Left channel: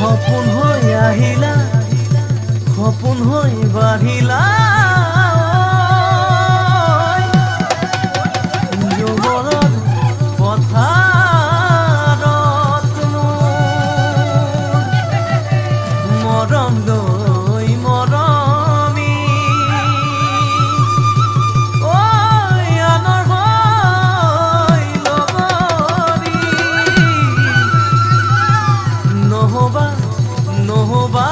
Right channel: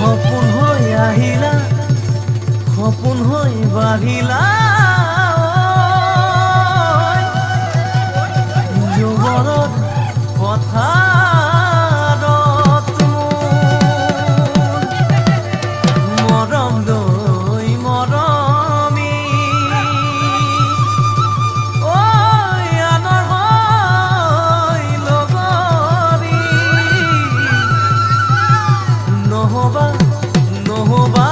সপোন হৈ আহিলা সপোন হৈ বাঢ়িলা যুগলত পথাৰত মৰম লৈ মৰমি আনৰ হৈ লগৰী নহবা নহবা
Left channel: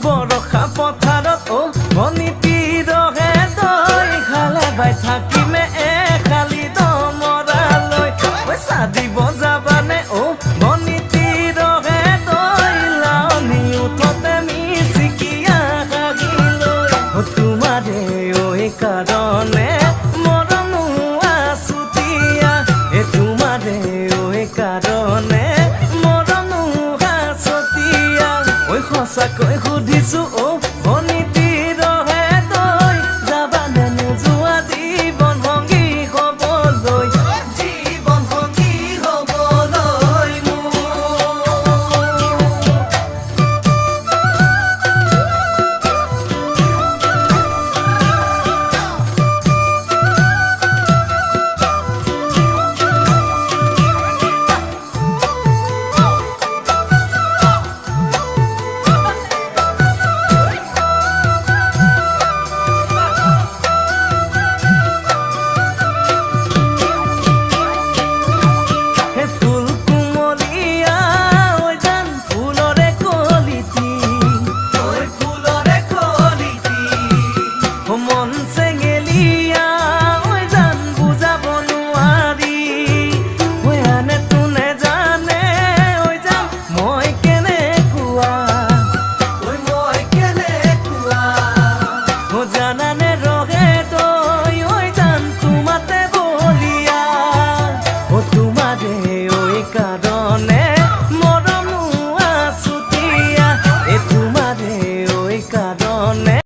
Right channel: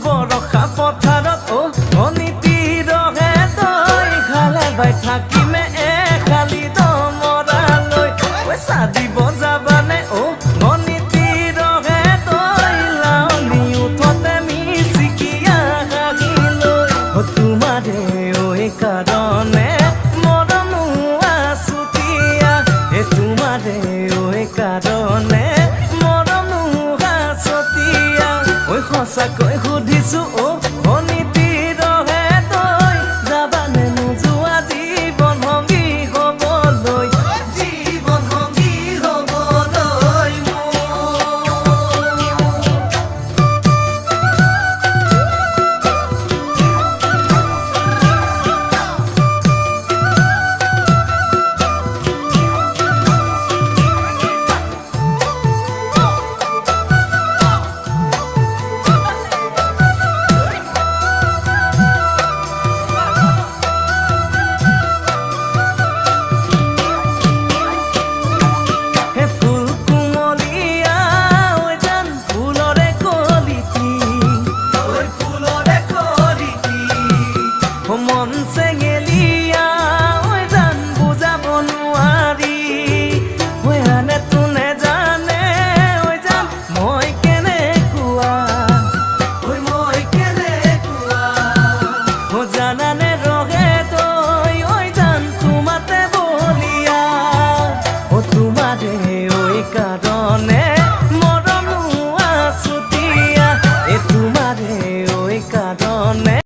বৰষা পথাৰত অনিতিৰহে দৈ খালে বাই থাকিমে খালি দমৰালৈ পইচা দিব যাবানে অনিতিৰহে দৈ লাৱনি উঠতে মিচিকিয়া হাগিলৈ তোমাৰে কাৰণে মৰমো আছুতীয়া তোমাৰে কাৰণে মৰমো আছতীয়া সঁচাকৈ সুধিছো অনিতিৰহে দৈ যাবানে নোযোৱা জীৱন সংগী হ'বলৈ জীৱন সংগী হ'বলৈ মন চেঙেলিয়া জান বুজাব নোৱাৰি আনে তোনে জানে জান মই কেনেকুৱা জানানে ৰহে তই জান তোমাতে বলিয়া তোমাৰে কাৰণে মৰমো আছুতীয়া তোমাৰে কাৰণে